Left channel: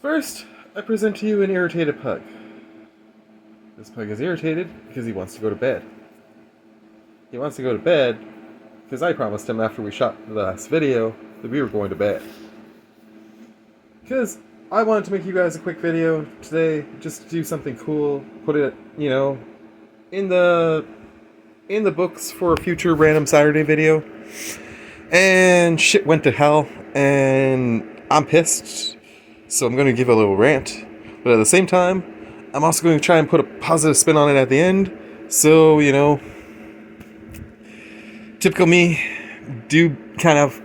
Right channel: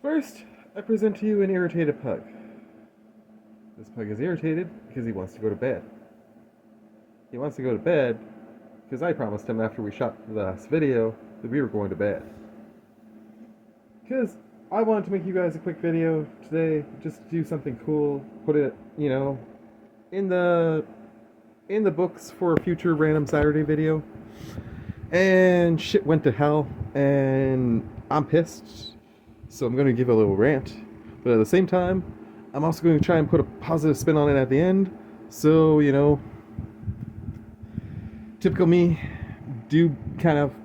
First, I present to you an irritated pug. This pug is irritated because he wants to go to bed. He wants to go to bed because I promised him after we shot the last video that we were going to bed. Because I wanted to make you guys a quick video today, just to do something cool, put it, in the books for a future random Saturday video. And shit went to hell, and I'm pissed. So I'm going to give a little rant, but at the same time, I'm also going to try and put a positive spin on it at the end. So, typical me, do kind of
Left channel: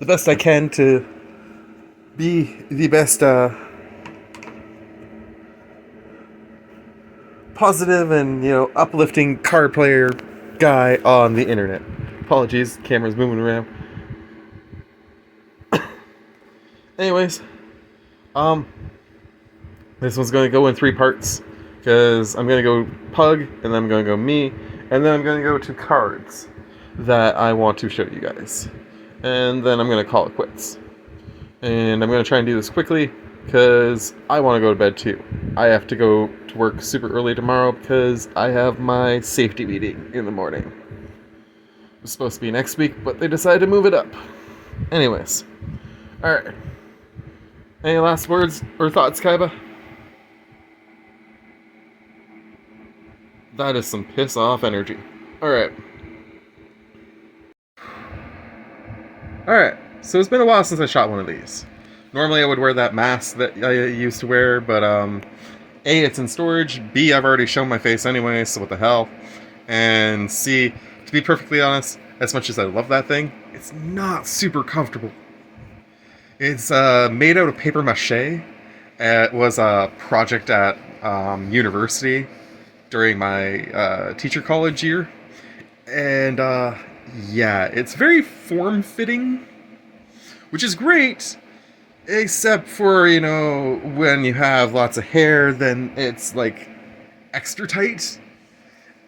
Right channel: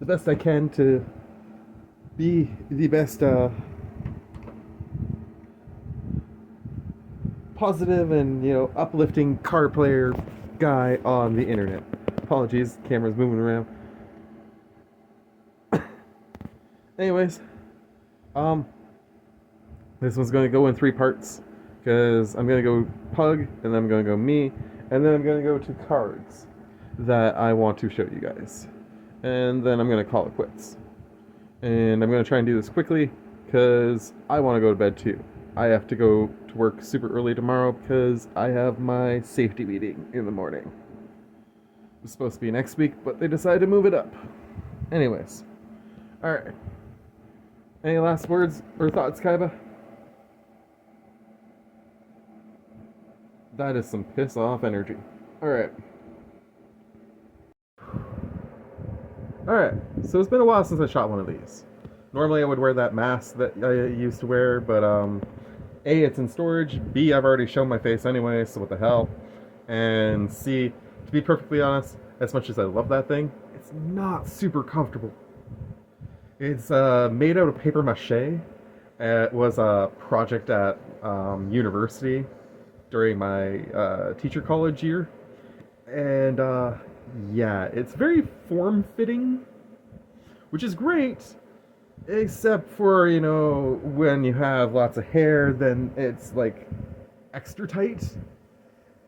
the best I can to be the best positive and, uplifting card player guy on the internet. Apologies, camera's moving around. Anyways, this one's going to go in 3 parts, because I'm going to go pug, and then I'm going to go me, and then I'm going to go to cards that I want to show you guys. And then I'm going to call it quits. And I'm going to try and do this quickly, because I want to go to bed too. I have to go to work super early tomorrow, because I have my safety meeting in the morning. It was supposed to be next week, but they decided to move it up. Anyways. Alright. Any last words or thoughts, Kaiba? That is some piss off energy. Alright. Alright, so it's been a while since I shot one of these. Normally I would wear that mask that I used to wear, but A, it's in storage, B, I've already shown my face anyway, so what the hell. And C, to be perfectly honest, as much as I love that thing, it's not super comfortable. It's made out of paper mache. It was a project at university during my teacher college year. And yeah, it's very form-fitting, which is great, except for, when you have lots of hair, then it's like extra tight.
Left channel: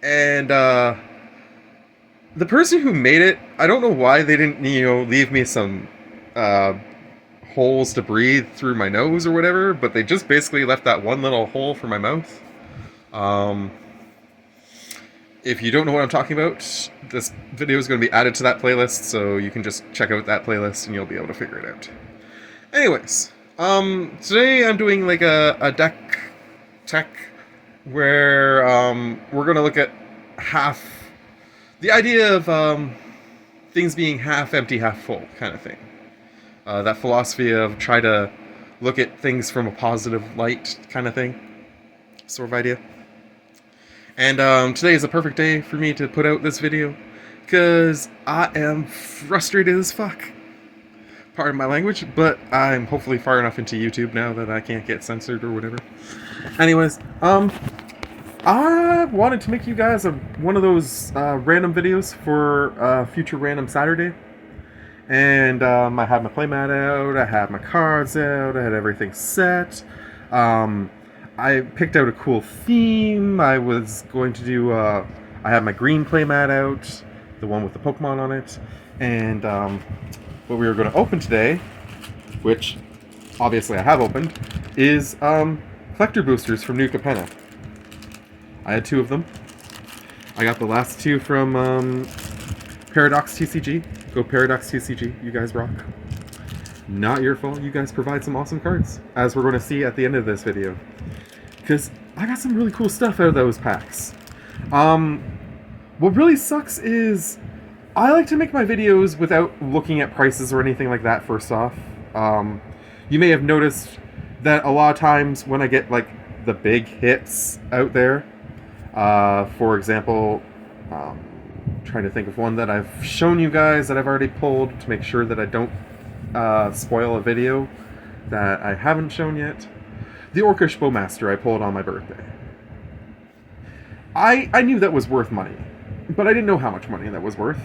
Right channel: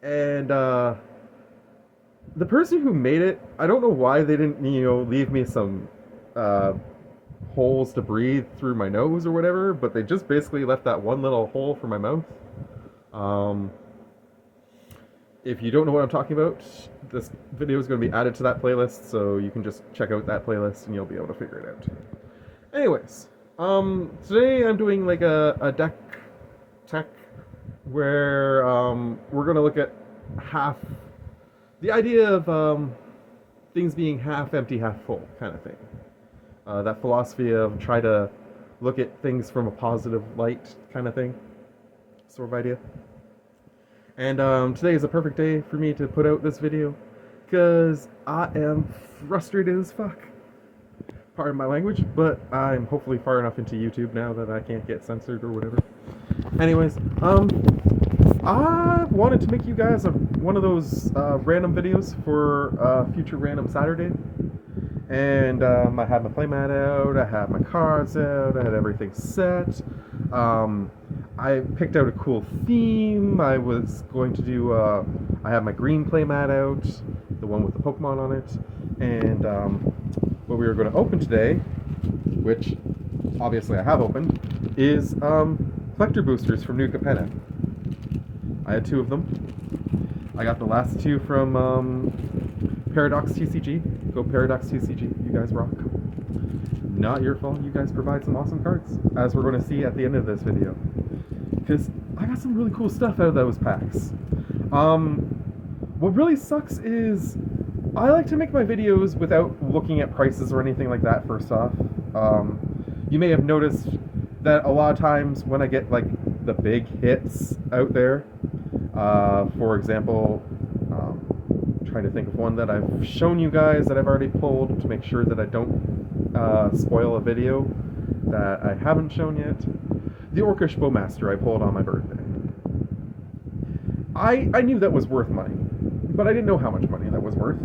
And the person who made it, I don't know why they didn't, leave me some holes to breathe through my nose or whatever, but they just basically left that one little hole for my mouth. If you don't know what I'm talking about, this video is going to be added to that playlist, so you can just check out that playlist and you'll be able to figure it out. Anyways, today I'm doing like a deck tech where we're going to look at the idea of things being half empty, half full kind of thing. That philosophy of try to look at things from a positive light kind of thing. Sort of idea. And today is a perfect day for me to put out this video, because I am frustrated as fuck. Pardon my language, but I'm hopefully far enough into YouTube now that I can't get censored or whatever. Anyways, I wanted to make you guys one of those random videos for future random Saturday. And I had my playmat out, I had my cards out, I had everything set. I picked out a cool theme. I was going to do, I had my green playmat out, the one with the Pokemon on it. And what we were going to open today, which obviously I have opened, is collector boosters from New Capenna. I had 2 of them. I got the last 2 from Paradox TCG. Go Paradox TCG, you guys rock. Not your fault, you guys provide some awesome cards, as we're going to see at the end of this video. Because I got some really cool stuff out of those packs. What really sucks is I like to make my videos without looking at prices or anything like that first off. You may have noticed that a lot of times when I get like the big hits out there, for example, trying to think of one that I've shown you guys that I've already pulled to make sure that I don't spoil a video that I haven't shown yet. The Orcish Bowmaster I pulled on my birthday. I knew that was worth money, but I didn't know how much money that was worth.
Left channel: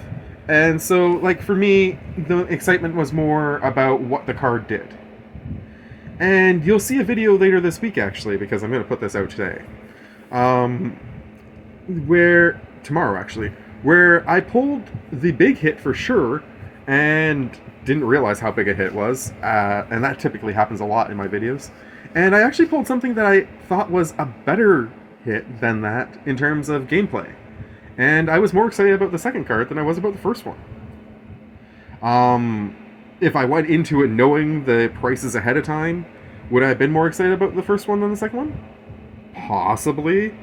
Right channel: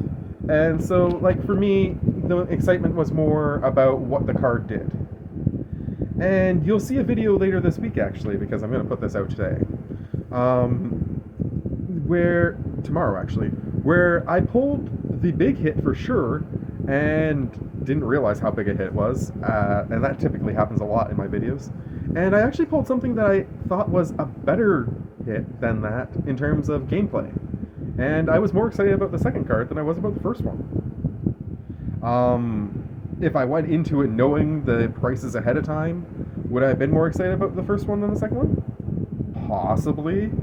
And so, like, for me, the excitement was more about what the card did. And you'll see a video later this week, actually, because I'm going to put this out today. Tomorrow, actually, where I pulled the big hit for sure, and didn't realize how big a hit it was. And that typically happens a lot in my videos. And I actually pulled something that I thought was a better hit than that in terms of gameplay. And I was more excited about the second card than I was about the first one. If I went into it knowing the prices ahead of time, would I have been more excited about the first one than the second one? Possibly.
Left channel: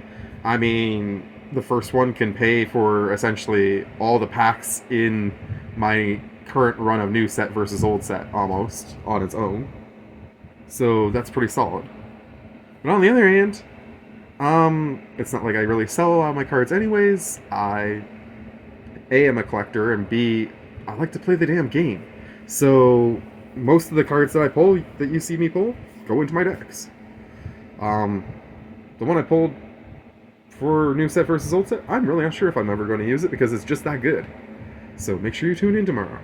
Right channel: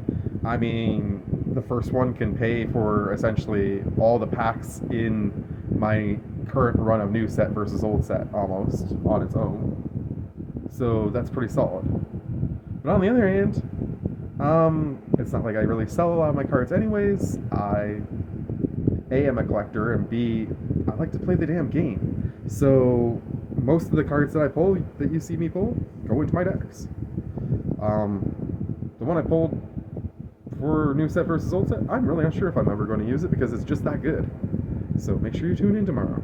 I mean, the first one can pay for essentially all the packs in my current run of new set versus old set almost on its own. So that's pretty solid. But on the other hand, it's not like I really sell a lot of my cards anyways. I A, am a collector, and B, I like to play the damn game. So most of the cards that I pull, that you see me pull, go into my decks. The one I pulled for new set versus old set, I'm really not sure if I'm ever going to use it because it's just that good. So make sure you tune in tomorrow.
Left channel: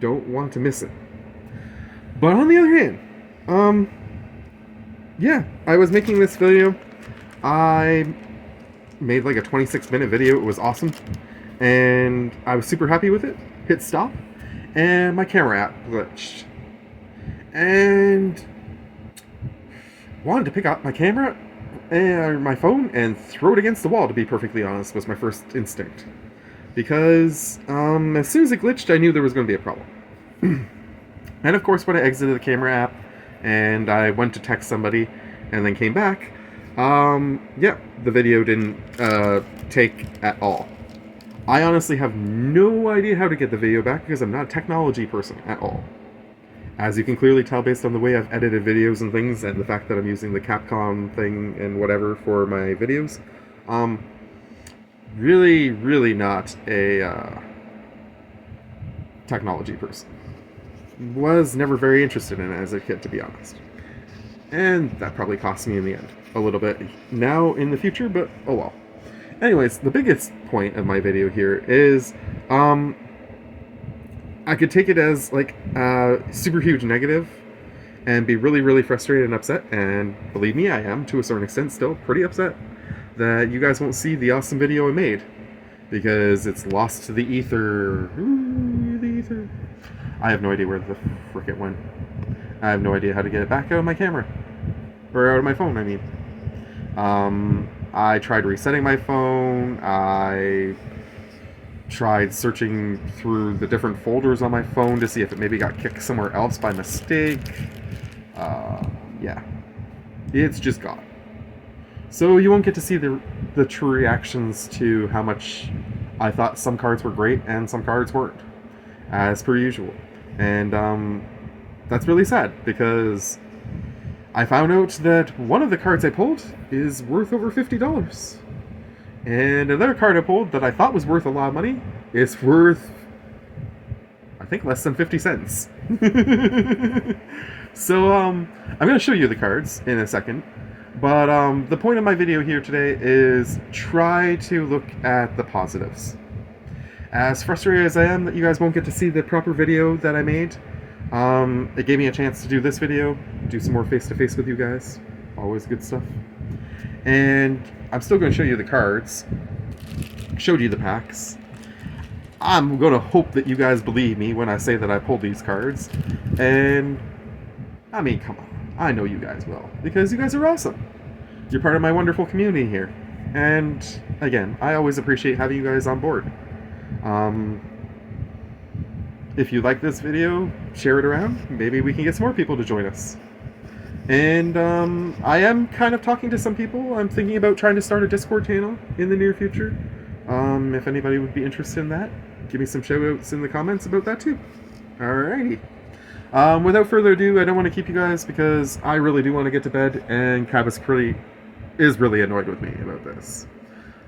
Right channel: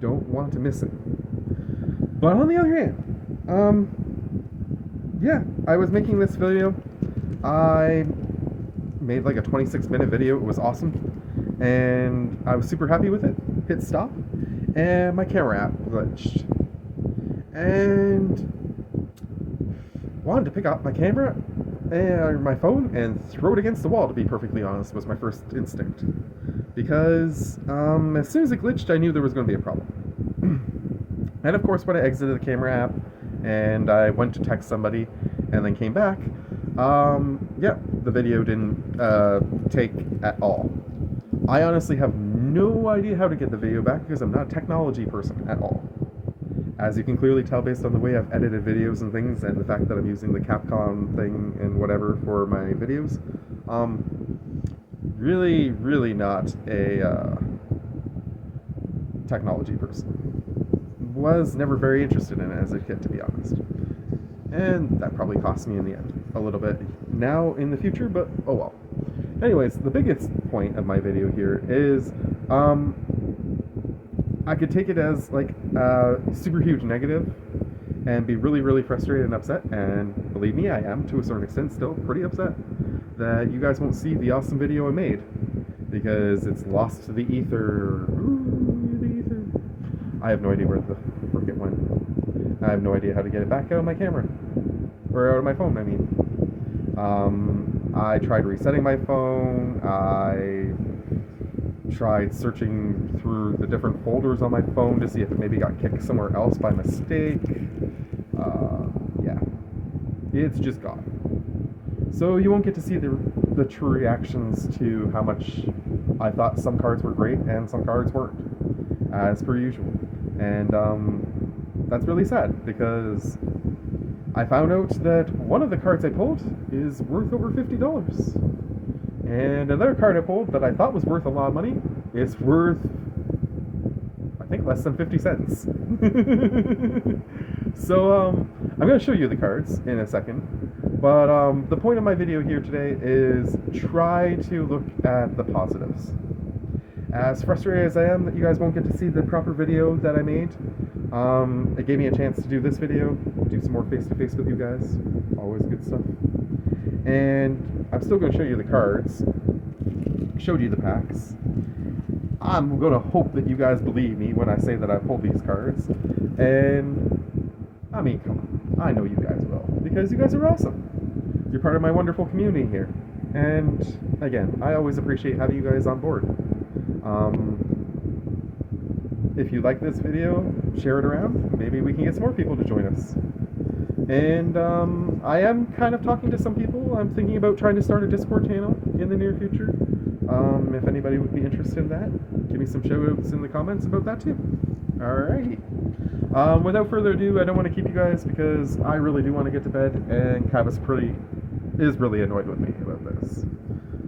Don't want to miss it. But on the other hand, yeah, I was making this video. I made like a 26-minute video. It was awesome. And I was super happy with it. Hit stop. And my camera app glitched. And wanted to pick up my camera and my phone and throw it against the wall, to be perfectly honest, was my first instinct. Because as soon as it glitched, I knew there was going to be a problem. And of course, when I exited the camera app and I went to text somebody and then came back, yeah, the video didn't take at all. I honestly have no idea how to get the video back because I'm not a technology person at all. As you can clearly tell based on the way I've edited videos and things and the fact that I'm using the Capcom thing and whatever for my videos, really not a technology person. Was never very interested in it as a kid, to be honest. And that probably cost me in the end a little bit now in the future, but oh well. Anyways, the biggest point of my video here is I could take it as like a super huge negative and be really frustrated and upset, and believe me, I am to a certain extent still pretty upset that you guys won't see the awesome video I made because it's lost to the ether. Ooh, the ether. I have no idea where the frick it went. I have no idea how to get it back out of my camera. Or out of my phone, I mean. I tried resetting my phone. I tried searching through the different folders on my phone to see if it maybe got kicked somewhere else by mistake. Yeah. It's just gone. So you won't get to see the true reactions to how much I thought some cards were great and some cards weren't, as per usual. And that's really sad because I found out that one of the cards I pulled is worth over $50. And another card I pulled that I thought was worth a lot of money is worth, I think, less than 50 cents. So I'm going to show you the cards in a second. But the point of my video here today is try to look at the positives. As frustrated as I am that you guys won't get to see the proper video that I made, it gave me a chance to do this video, do some more face-to-face with you guys. Always good stuff. And I'm still going to show you the cards. Showed you the packs. I'm going to hope that you guys believe me when I say that I pulled these cards. And, I mean, come on. I know you guys will. Because you guys are awesome. You're part of my wonderful community here. And, again, I always appreciate having you guys on board. If you like this video, share it around. Maybe we can get some more people to join us. And I am kind of talking to some people. I'm thinking about trying to start a Discord channel in the near future. If anybody would be interested in that, give me some shout-outs in the comments about that too. Alrighty. Without further ado, I don't want to keep you guys because I really do want to get to bed, and Cav is really annoyed with me about this.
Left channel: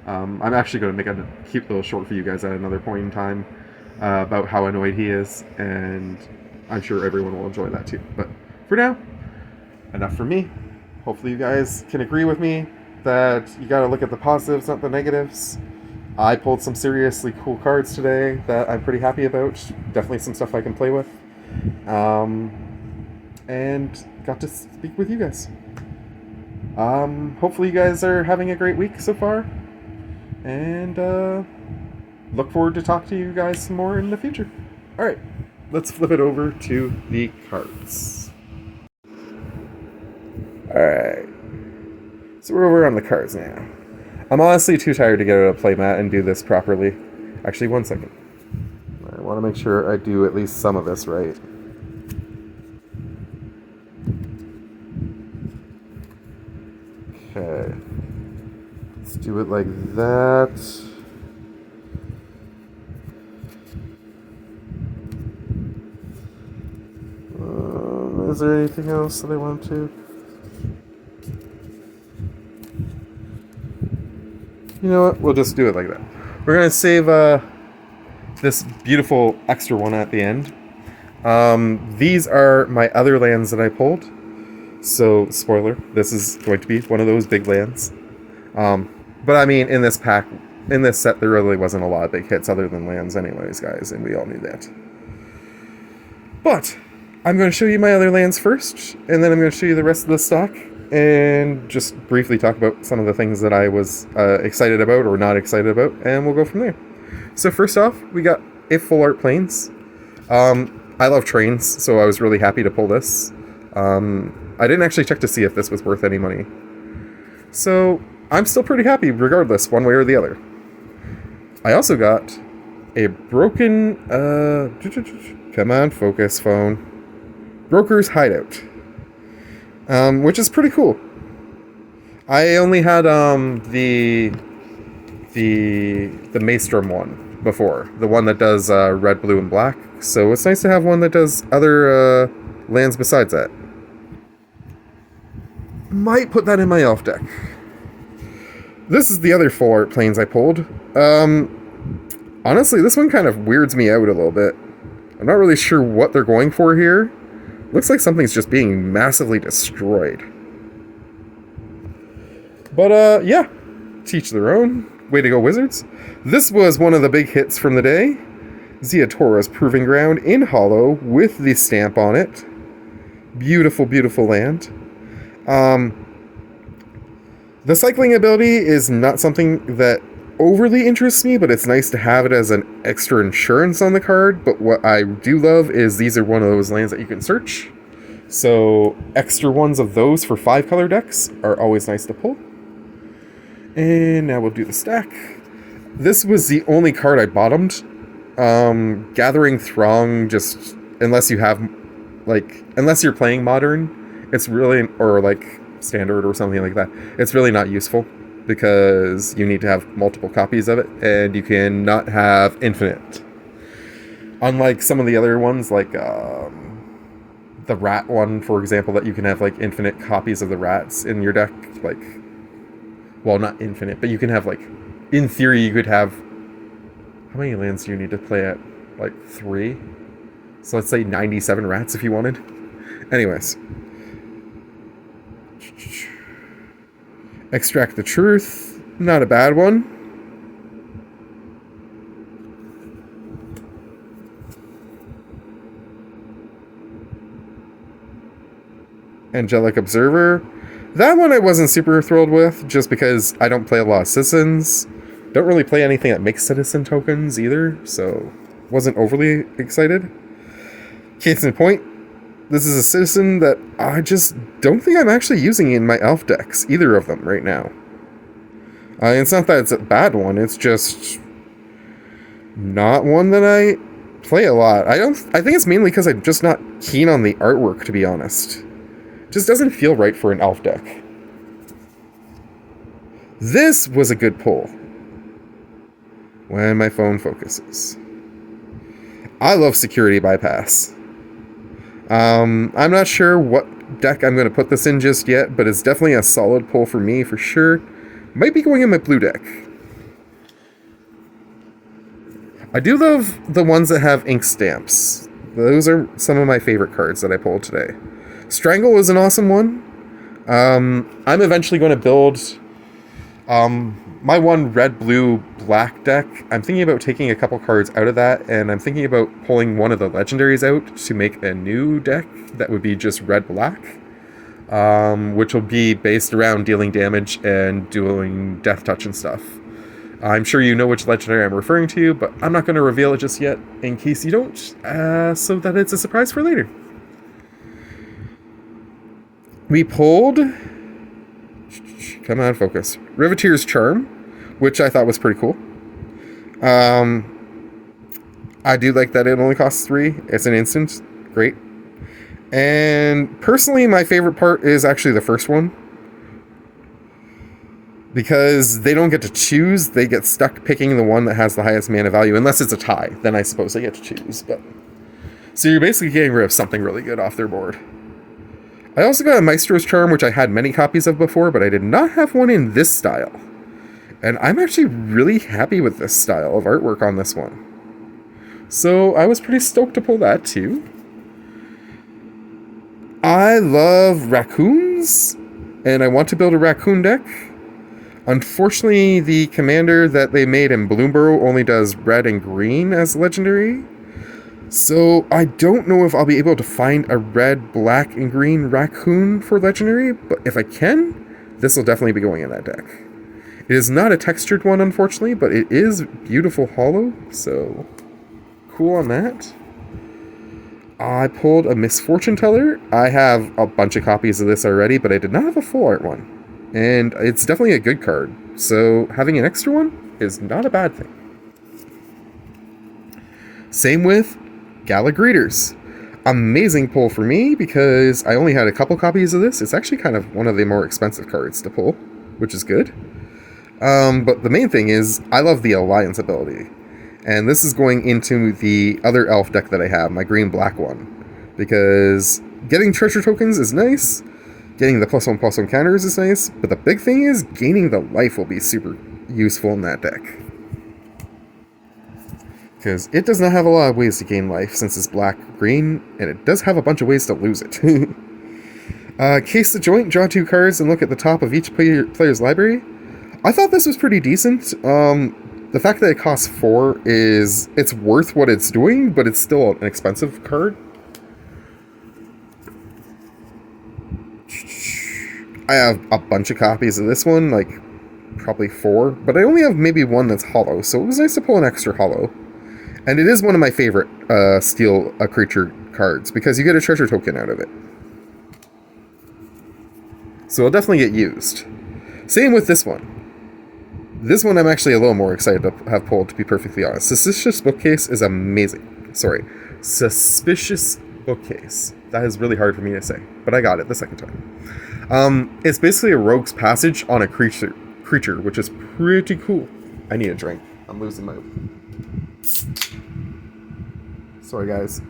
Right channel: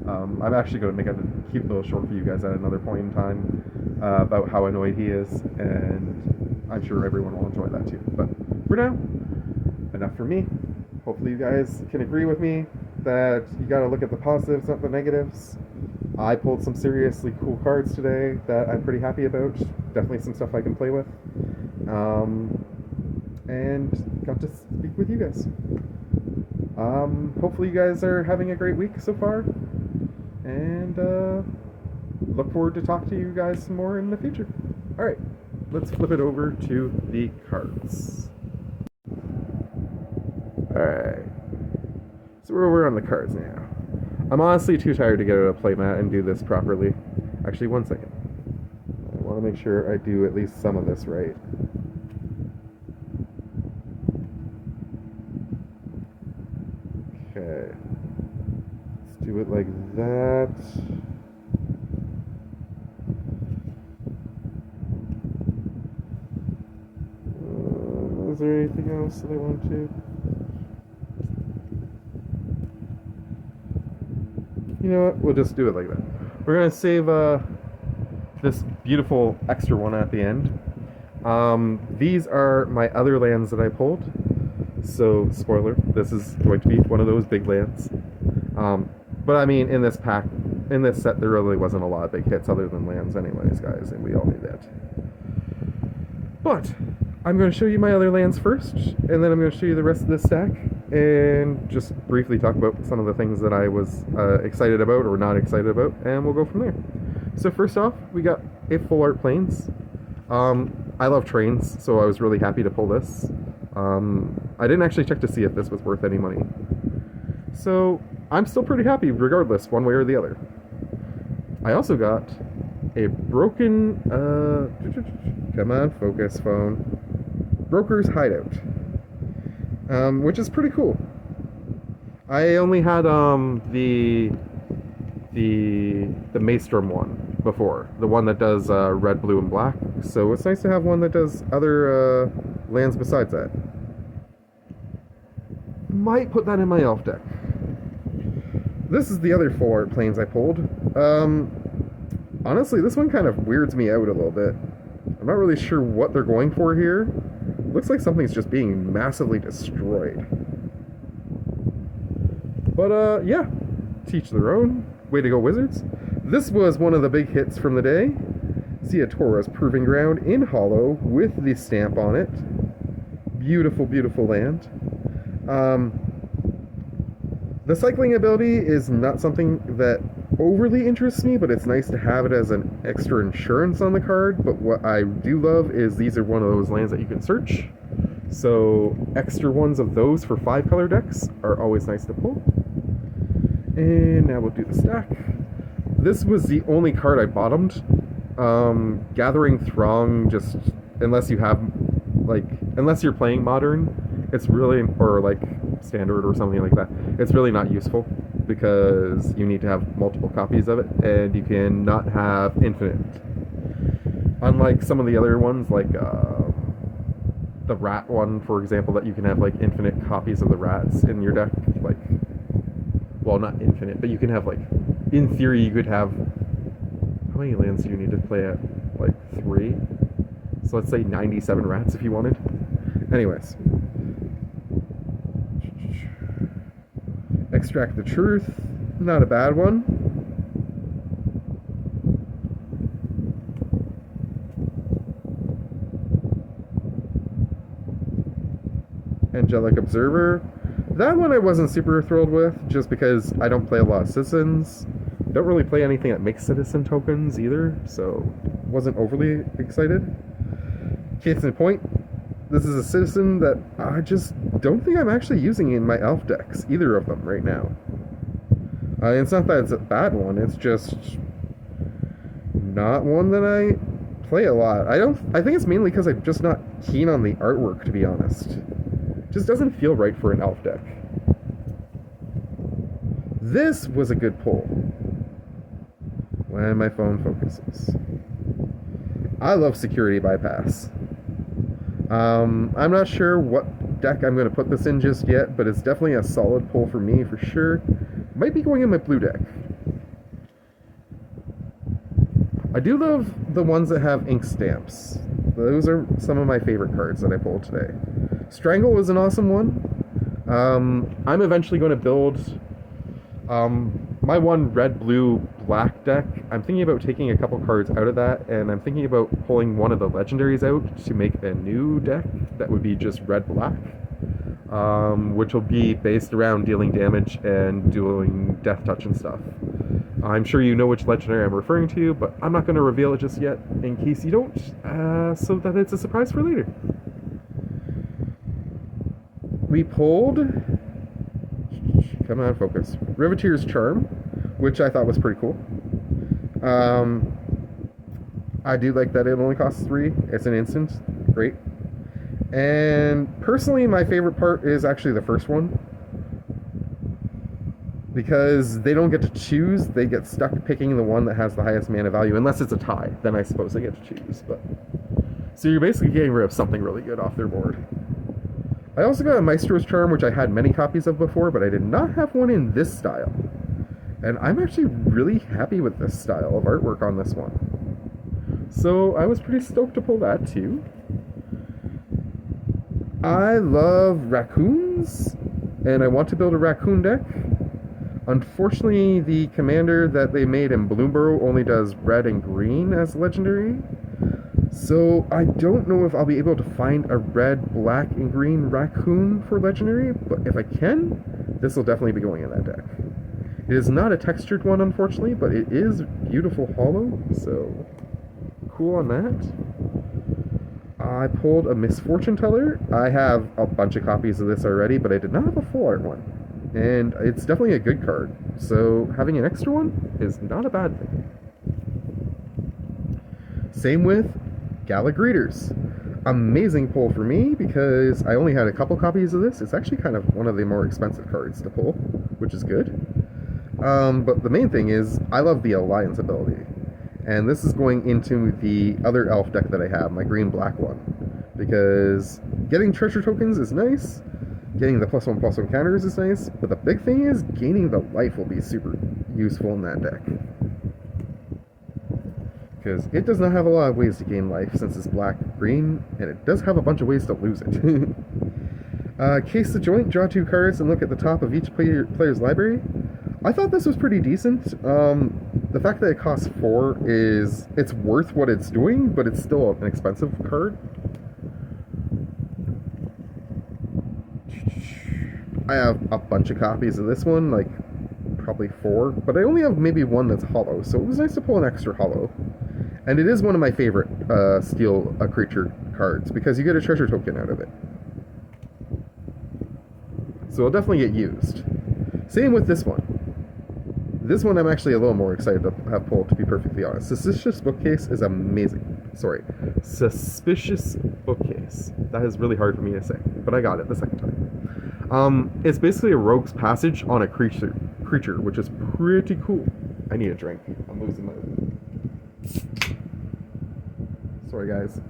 I'm actually going to make a cute little short for you guys at another point in time about how annoyed he is, and I'm sure everyone will enjoy that too. But for now, enough for me. Hopefully you guys can agree with me that you got to look at the positives, not the negatives. I pulled some seriously cool cards today that I'm pretty happy about. Definitely some stuff I can play with. And got to speak with you guys. Hopefully you guys are having a great week so far. And look forward to talking to you guys some more in the future. Alright, let's flip it over to the cards. Alright, so we're over on the cards now. I'm honestly too tired to get out a playmat and do this properly. Actually, one second. I want to make sure I do at least some of this right. Okay. Let's do it like that. Is there anything else that I want to? You know what? We'll just do it like that. We're going to save this beautiful extra one at the end. These are my other lands that I pulled. So, spoiler, this is going to be one of those big lands. But I mean, in this pack, in this set, there really wasn't a lot of big hits other than lands anyways, guys, and we all knew that. But I'm going to show you my other lands first, and then I'm going to show you the rest of the stock, and just briefly talk about some of the things that I was excited about or not excited about, and we'll go from there. So first off, we got a Full Art Plains. I love trains, so I was really happy to pull this. I didn't actually check to see if this was worth any money. So I'm still pretty happy regardless, one way or the other. I also got a broken, come on, focus phone. Broker's Hideout, which is pretty cool. I only had the Maelstrom one before, the one that does red, blue, and black. So it's nice to have one that does other lands besides that. Might put that in my elf deck. This is the other Full Art Plains I pulled. Honestly, this one kind of weirds me out a little bit. I'm not really sure what they're going for here. Looks like something's just being massively destroyed. But, yeah. Teach their own. Way to go, Wizards. This was one of the big hits from the day. Ziatora's Proving Ground in Hollow with the stamp on it. Beautiful, beautiful land. The cycling ability is not something that overly interests me, but it's nice to have it as an extra insurance on the card. But what I do love is these are one of those lands that you can search. So extra ones of those for 5-color decks are always nice to pull. And now we'll do the stack. This was the only card I bottomed. Gathering Throng, just unless you have unless you're playing Modern, it's really, or Standard or something like that, it's really not useful. Because you need to have multiple copies of it, and you cannot have infinite. Unlike some of the other ones, like the rat one, for example, that you can have infinite copies of the rats in your deck. Well, not infinite, but you can have in theory, you could have. How many lands do you need to play at? 3. So let's say 97 rats if you wanted. Anyways. Extract the Truth, not a bad one. Angelic Observer. That one I wasn't super thrilled with, just because I don't play a lot of citizens. Don't really play anything that makes citizen tokens either, so wasn't overly excited. Case in point, this is a citizen that I just don't think I'm actually using in my elf decks, either of them right now. It's not that it's a bad one, it's just not one that I play a lot. I think it's mainly because I'm just not keen on the artwork, to be honest. Just doesn't feel right for an elf deck. This was a good pull. When my phone focuses. I love Security Bypass. I'm not sure what deck I'm going to put this in just yet, but it's definitely a solid pull for me, for sure. Might be going in my blue deck. I do love the ones that have ink stamps. Those are some of my favorite cards that I pulled today. Strangle is an awesome one. I'm eventually going to build my one red, blue, black deck. I'm thinking about taking a couple cards out of that, and I'm thinking about pulling one of the legendaries out to make a new deck that would be just red, black. which will be based around dealing damage and doing death touch and stuff. I'm sure you know which legendary I'm referring to, but I'm not going to reveal it just yet in case you don't, so that it's a surprise for later. We pulled... Come on, focus. Riveteer's Charm, which I thought was pretty cool. I do like that it only costs 3. It's an instant. Great. And personally, my favorite part is actually the first one. Because they don't get to choose, they get stuck picking the one that has the highest mana value. Unless it's a tie, then I suppose they get to choose. But so you're basically getting rid of something really good off their board. I also got a Maestro's Charm, which I had many copies of before, but I did not have one in this style. And I'm actually really happy with this style of artwork on this one. So I was pretty stoked to pull that too. I love raccoons, and I want to build a raccoon deck. Unfortunately, the commander that they made in Bloomburrow only does red and green as legendary. So I don't know if I'll be able to find a red, black, and green raccoon for legendary, but if I can, this will definitely be going in that deck. It is not a textured one, unfortunately, but it is beautiful hollow, so cool on that. I pulled a Misfortune Teller. I have a bunch of copies of this already, but I did not have a full art one. And it's definitely a good card, so having an extra one is not a bad thing. Same with Gala Greeters. Amazing pull for me because I only had a couple copies of this. It's actually kind of one of the more expensive cards to pull, which is good. But the main thing is I love the Alliance ability. And this is going into the other elf deck that I have, my green-black one. Because getting treasure tokens is nice, getting the +1/+1 counters is nice, but the big thing is gaining the life will be super useful in that deck. Because it does not have a lot of ways to gain life since it's black-green, and it does have a bunch of ways to lose it. Case the Joint, draw 2 cards and look at the top of each player's library. I thought this was pretty decent. The fact that it costs 4 is... it's worth what it's doing, but it's still an expensive card. I have a bunch of copies of this one, like probably 4, but I only have maybe one that's hollow, so it was nice to pull an extra hollow. And it is one of my favorite steal a creature cards, because you get a treasure token out of it. So it'll definitely get used. Same with this one. This one I'm actually a little more excited to have pulled, to be perfectly honest. Suspicious Bookcase is amazing. Sorry. Suspicious Bookcase. That is really hard for me to say, but I got it the second time. It's basically a Rogue's Passage on a creature, which is pretty cool. I need a drink. I'm losing my... Sorry, guys.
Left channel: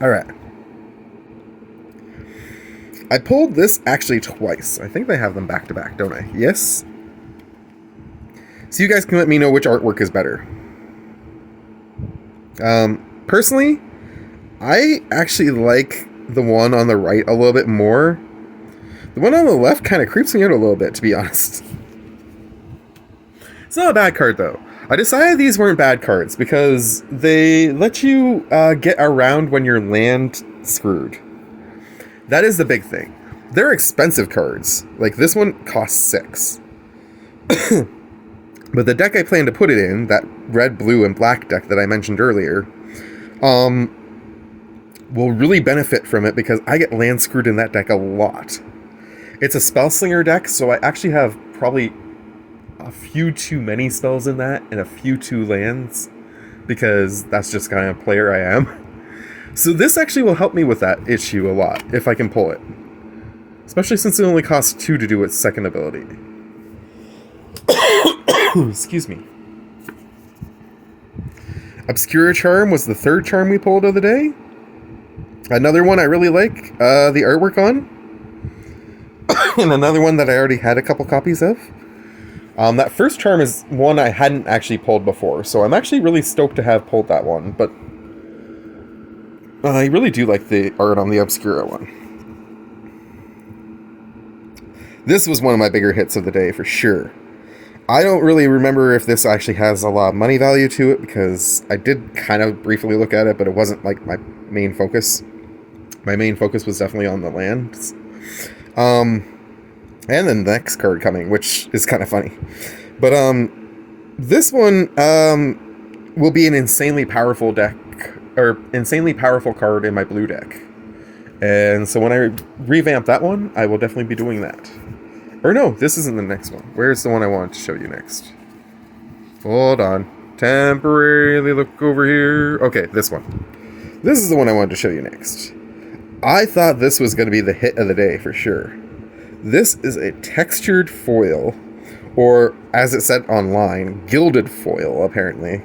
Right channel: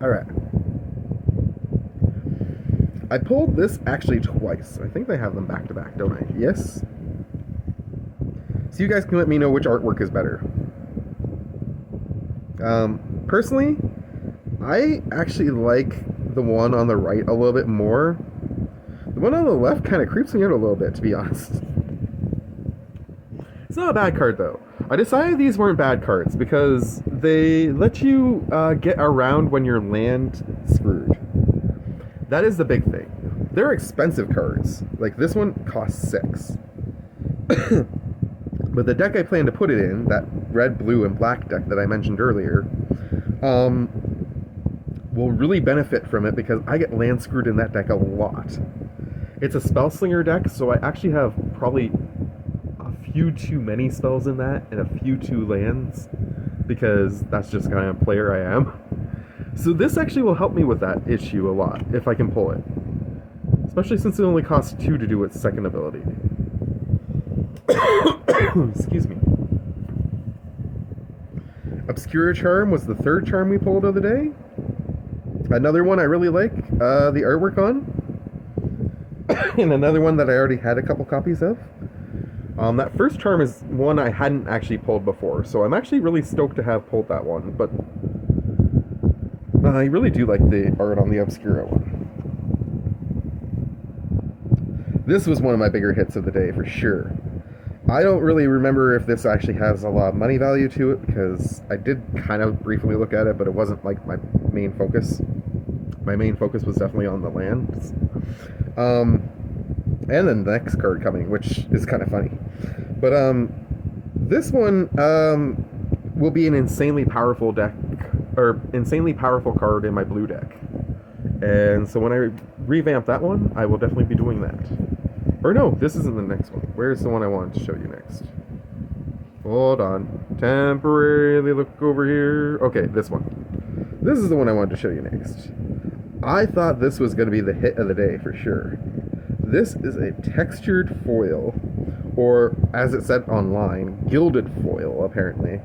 Alright. I pulled this actually twice. I think they have them back to back, don't I? Yes? So you guys can let me know which artwork is better. Personally, I actually like the one on the right a little bit more. The one on the left kind of creeps me out a little bit, to be honest. It's not a bad card, though. I decided these weren't bad cards because they let you get around when you're land screwed. That is the big thing. They're expensive cards. Like, this one costs 6. But the deck I plan to put it in, that red, blue, and black deck that I mentioned earlier, will really benefit from it because I get land screwed in that deck a lot. It's a Spellslinger deck, so I actually have probably a few too many spells in that and a few too lands because that's just the kind of player I am. So this actually will help me with that issue a lot if I can pull it. Especially since it only costs 2 to do its second ability. Excuse me. Obscura Charm was the third charm we pulled of the day. Another one I really like the artwork on. And another one that I already had a couple copies of. That first charm is one I hadn't actually pulled before, so I'm actually really stoked to have pulled that one, but I really do like the art on the Obscura one. This was one of my bigger hits of the day, for sure. I don't really remember if this actually has a lot of money value to it, because I did kind of briefly look at it, but it wasn't like my main focus. My main focus was definitely on the lands. And then the next card coming, which is kind of funny. But this one will be an insanely powerful deck, or insanely powerful card in my blue deck. And so when I revamp that one, I will definitely be doing that. Or no, this isn't the next one. Where's the one I wanted to show you next? Hold on. Temporarily look over here. Okay, this one. This is the one I wanted to show you next. I thought this was going to be the hit of the day for sure. This is a textured foil, or as it said online, gilded foil, apparently.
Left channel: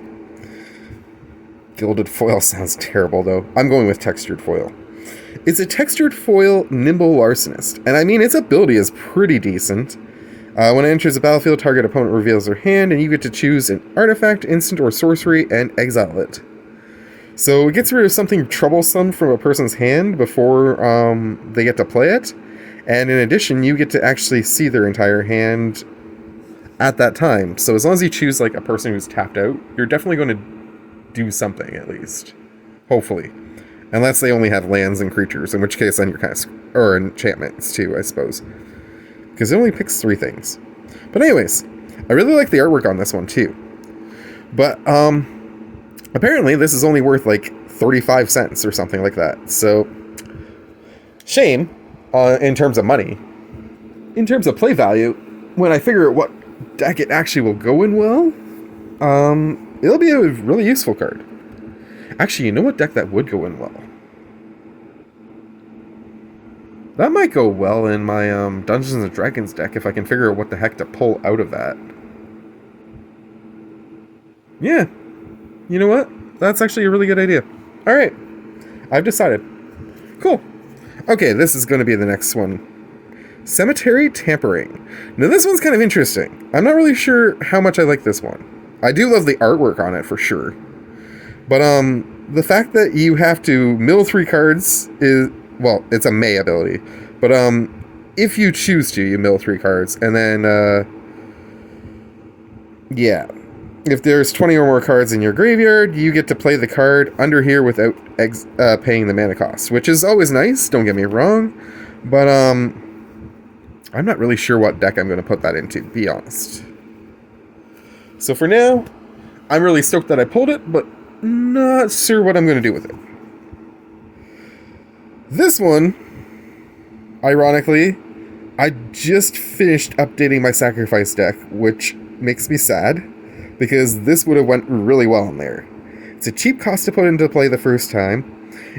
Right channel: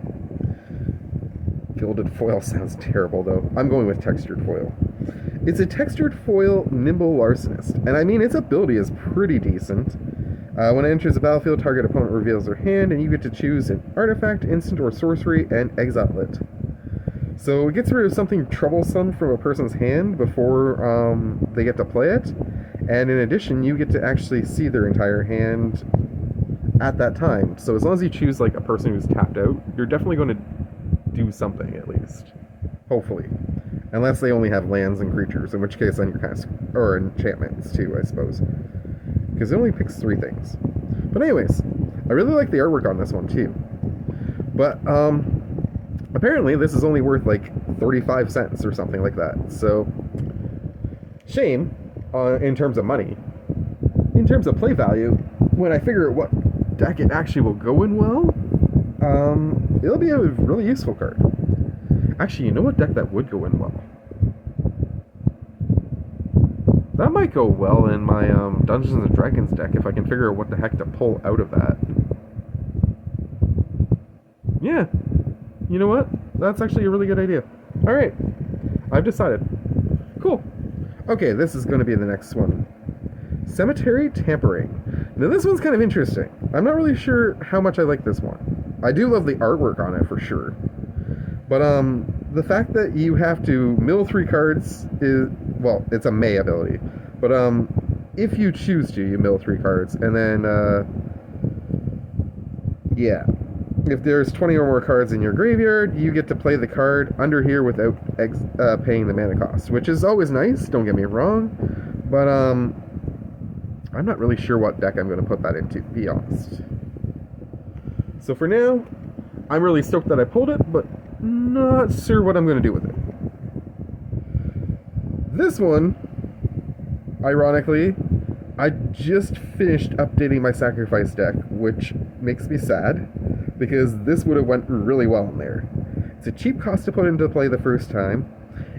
Gilded foil sounds terrible, though. I'm going with textured foil. It's a textured foil Nimble Larcenist, and I mean, its ability is pretty decent. When it enters the battlefield, target opponent reveals their hand, and you get to choose an artifact, instant, or sorcery, and exile it. So it gets rid of something troublesome from a person's hand before they get to play it, and in addition, you get to actually see their entire hand at that time. So as long as you choose like a person who's tapped out, you're definitely going to do something at least, hopefully. Unless they only have lands and creatures, in which case then you're kind of... or enchantments, too, I suppose. Because it only picks 3 things. But anyways, I really like the artwork on this one, too. But, apparently this is only worth, like, 35 cents or something like that. So, shame, in terms of money. In terms of play value, when I figure out what deck it actually will go in well, it'll be a really useful card. Actually, you know what deck that would go in well? That might go well in my Dungeons & Dragons deck if I can figure out what the heck to pull out of that. Yeah. You know what? That's actually a really good idea. Alright. I've decided. Cool. Okay, this is going to be the next one. Cemetery Tampering. Now this one's kind of interesting. I'm not really sure how much I like this one. I do love the artwork on it for sure. But the fact that you have to mill 3 cards is, well, it's a May ability. But if you choose to, you mill 3 cards, and then yeah, if there's 20 or more cards in your graveyard, you get to play the card under here without paying the mana cost, which is always nice. Don't get me wrong, but I'm not really sure what deck I'm going to put that into, to be honest. So for now, I'm really stoked that I pulled it, but not sure what I'm going to do with it. This one, ironically, I just finished updating my sacrifice deck, which makes me sad, because this would have went really well in there. It's a cheap cost to put into play the first time.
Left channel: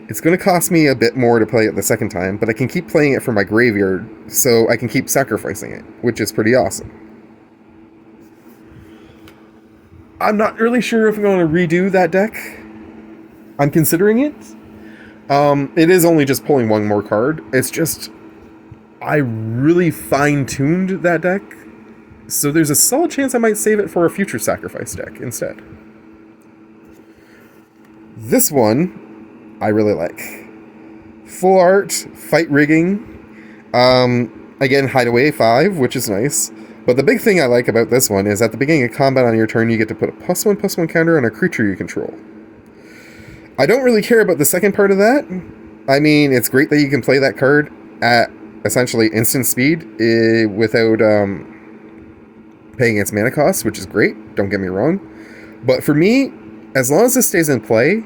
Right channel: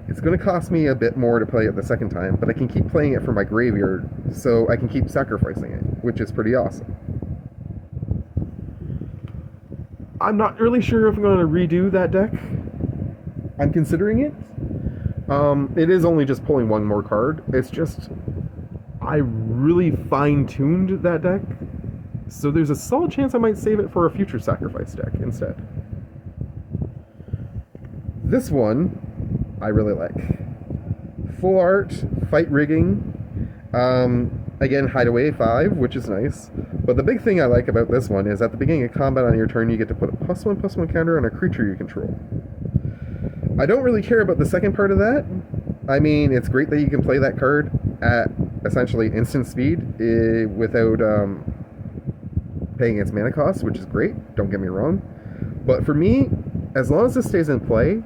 It's going to cost me a bit more to play it the second time, but I can keep playing it from my graveyard, so I can keep sacrificing it, which is pretty awesome. I'm not really sure if I'm going to redo that deck. I'm considering it. It is only just pulling 1 more card. It's just, I really fine-tuned that deck, so there's a solid chance I might save it for a future sacrifice deck instead. This one, I really like. Full art, fight rigging, again, Hideaway 5, which is nice. But the big thing I like about this one is at the beginning of combat on your turn, you get to put a +1/+1 counter on a creature you control. I don't really care about the second part of that. I mean, it's great that you can play that card at essentially instant speed without paying its mana cost, which is great, don't get me wrong. But for me, as long as this stays in play,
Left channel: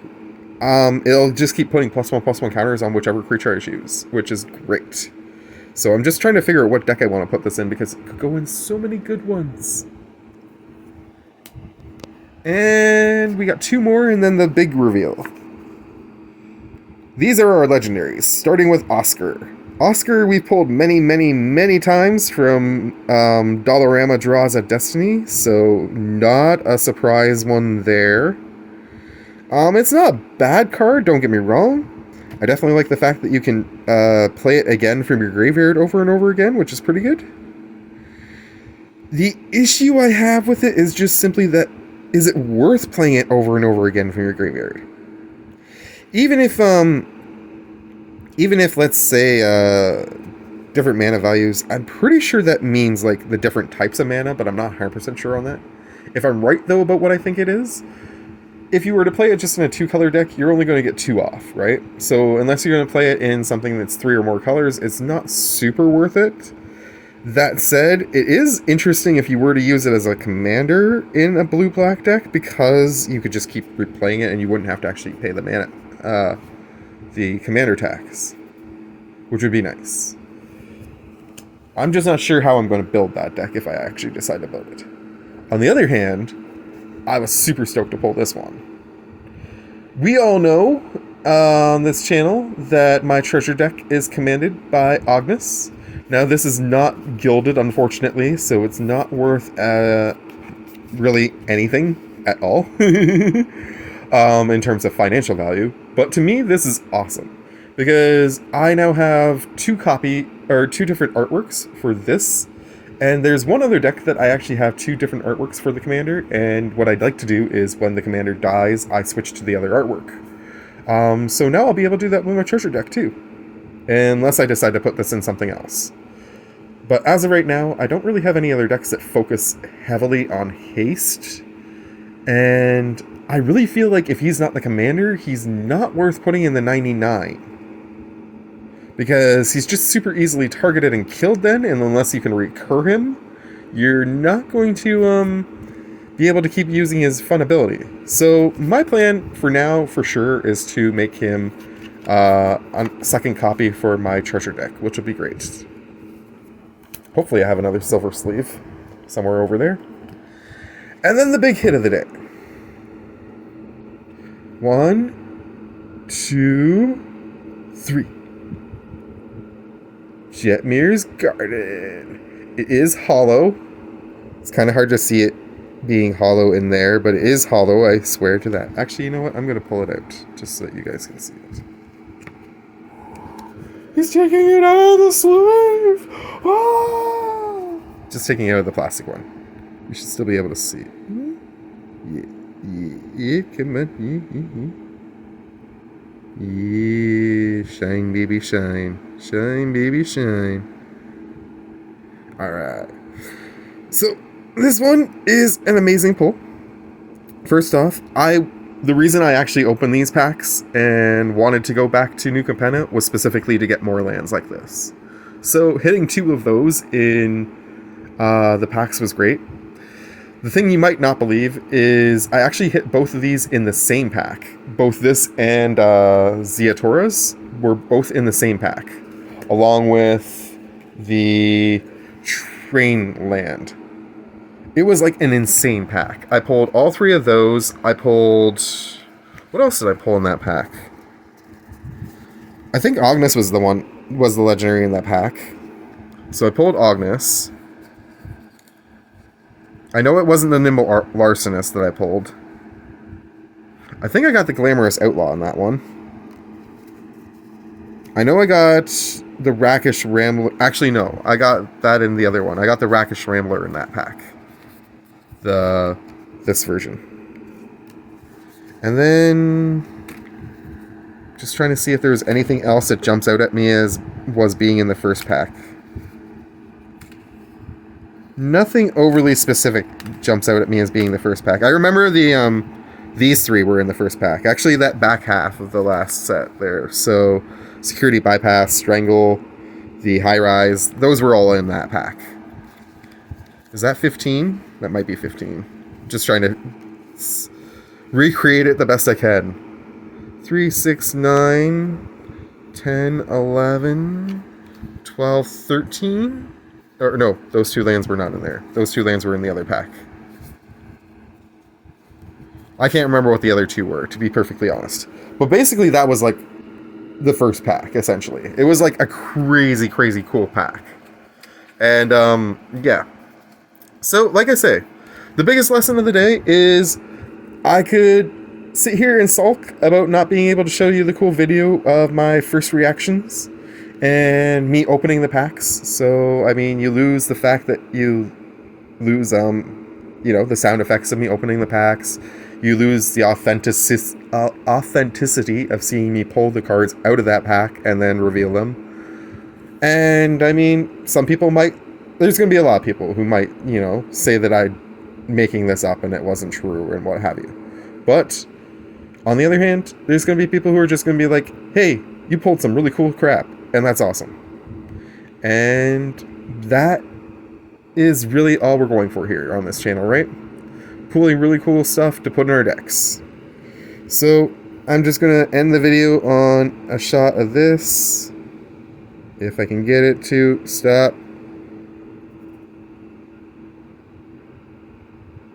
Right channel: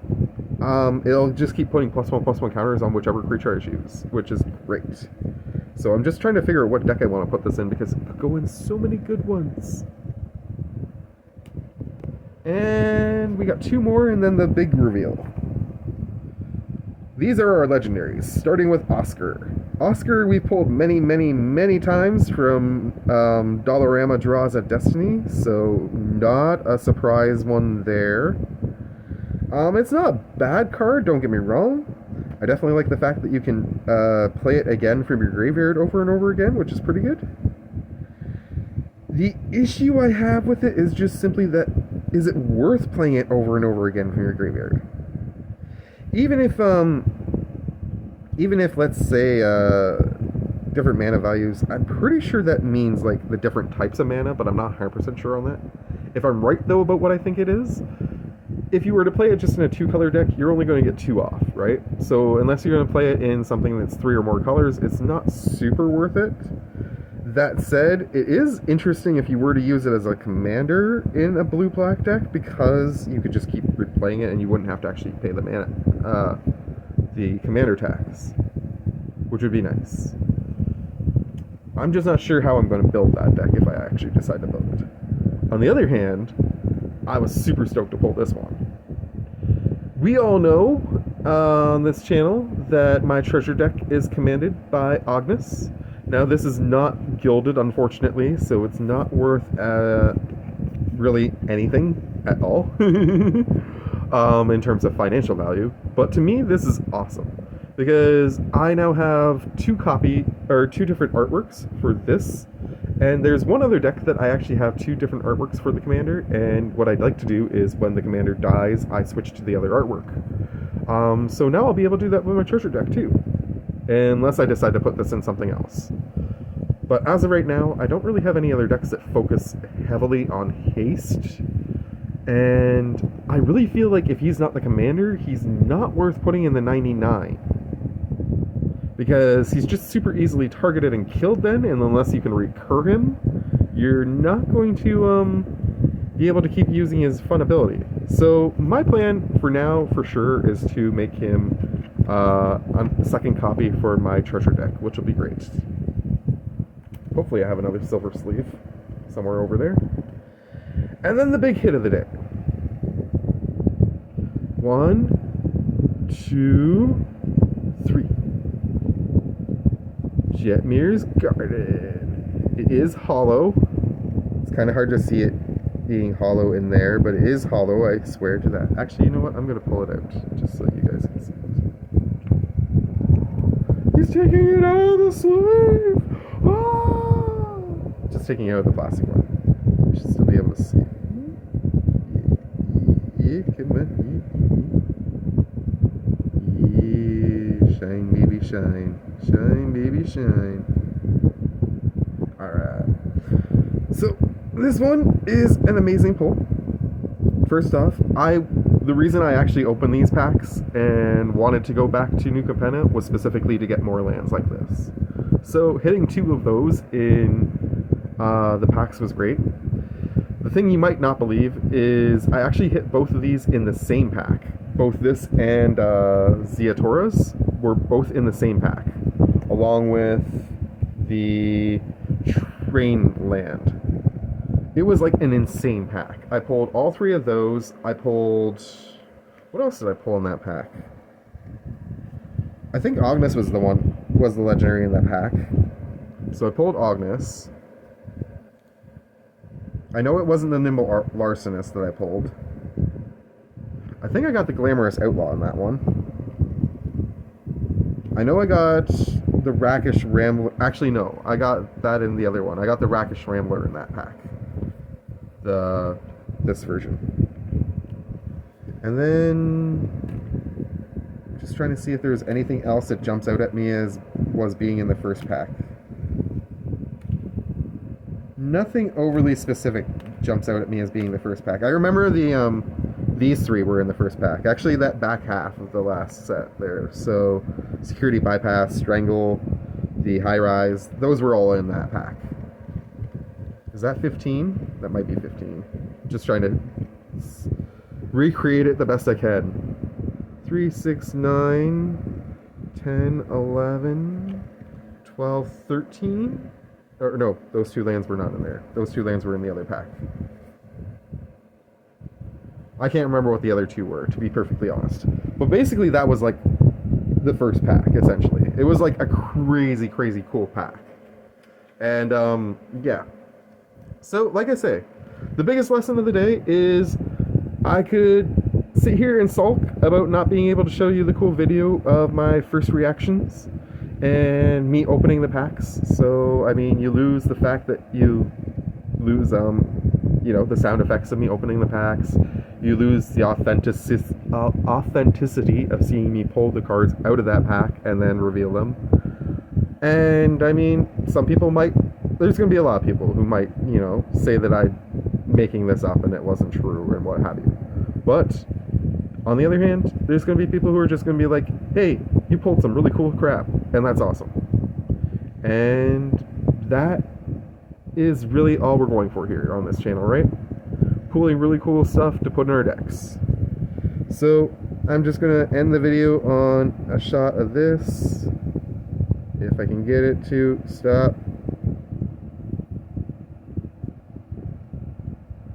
it'll just keep putting +1/+1 counters on whichever creature I choose, which is great. So I'm just trying to figure out what deck I want to put this in, because it could go in so many good ones. And we got 2 more, and then the big reveal. These are our legendaries, starting with Oscar. Oscar we've pulled many, many, many times from Dollarama Draws at Destiny, so not a surprise one there. It's not a bad card, don't get me wrong. I definitely like the fact that you can play it again from your graveyard over and over again, which is pretty good. The issue I have with it is just simply that, is it worth playing it over and over again from your graveyard? Even if let's say, different mana values. I'm pretty sure that means like the different types of mana, but I'm not 100% sure on that. If I'm right though about what I think it is, if you were to play it just in a 2-color deck, you're only going to get 2 off, right? So unless you're going to play it in something that's 3 or more colors, it's not super worth it. That said, it is interesting if you were to use it as a commander in a blue-black deck, because you could just keep replaying it and you wouldn't have to actually pay the mana, the commander tax, which would be nice. I'm just not sure how I'm going to build that deck if I actually decide to build it. On the other hand, I was super stoked to pull this one. We all know on this channel that my treasure deck is commanded by Ognis. Now, this is not gilded, unfortunately, so it's not worth really anything at all in terms of financial value. But to me, this is awesome, because I now have 2 different artworks for this. And there's one other deck that I actually have 2 different artworks for the commander, and what I'd like to do is when the commander dies, I switch to the other artwork. So now I'll be able to do that with my treasure deck too, unless I decide to put this in something else. But as of right now, I don't really have any other decks that focus heavily on haste, and I really feel like if he's not the commander, he's not worth putting in the 99. Because he's just super easily targeted and killed then, and unless you can recur him, you're not going to be able to keep using his fun ability. So my plan for now, for sure, is to make him a second copy for my treasure deck, which will be great. Hopefully I have another silver sleeve somewhere over there. And then the big hit of the day. 1, 2, 3. Jetmir's Garden. It is hollow. It's kind of hard to see it being hollow in there, but it is hollow, I swear to that. Actually, you know what? I'm going to pull it out just so you guys can see it. He's taking it out of the sleeve! Oh! Just taking it out of the plastic one. You should still be able to see. Yeah, come on. Yeah, shine, baby, shine. Shine, baby, shine. Alright. So, this one is an amazing pull. First off, the reason I actually opened these packs and wanted to go back to New Capenna was specifically to get more lands like this. So, hitting 2 of those in the packs was great. The thing you might not believe is I actually hit both of these in the same pack. Both this and Ziatoras were both in the same pack, along with the train land. It was like an insane pack. I pulled all 3 of those. I pulled... What else did I pull in that pack? I think Ognis was the legendary in that pack. So I pulled Ognis. I know it wasn't the Nimble Larcenist that I pulled. I think I got the Glamorous Outlaw in that one. I know I got the Rakish Rambler. Actually, no. I got that in the other one. I got the Rakish Rambler in that pack. This version. And then... just trying to see if there's anything else that jumps out at me as was being in the first pack. Nothing overly specific jumps out at me as being the first pack. I remember these 3 were in the first pack. Actually, that back half of the last set there. So, Security Bypass, Strangle, the High Rise, those were all in that pack. Is that 15? That might be 15. Just trying to recreate it the best I can. 3, 6, 9, 10, 11, 12, 13. Or no, those 2 lands were not in there. Those 2 lands were in the other pack. I can't remember what the other 2 were, to be perfectly honest. But basically, that was like the first pack, essentially. It was like a crazy, crazy cool pack. And, yeah. So, like I say, the biggest lesson of the day is I could sit here and sulk about not being able to show you the cool video of my first reactions and me opening the packs. So, I mean, you lose the fact that you lose, the sound effects of me opening the packs. You lose the authenticity of seeing me pull the cards out of that pack and then reveal them. And I mean, some people might, there's going to be a lot of people who might, you know, say that I'm making this up and it wasn't true and what have you. But on the other hand, there's going to be people who are just going to be like, hey, you pulled some really cool crap, and that's awesome. And that is really all we're going for here on this channel, right? Pulling really cool stuff to put in our decks. So I'm just going to end the video on a shot of this. If I can get it to stop.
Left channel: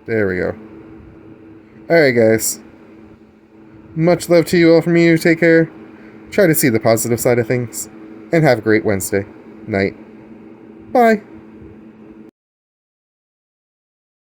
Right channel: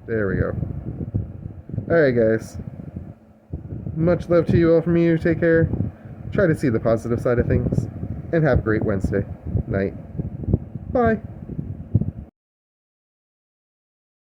There we go. Alright, guys. Much love to you all from you. Take care. Try to see the positive side of things. And have a great Wednesday night. Bye.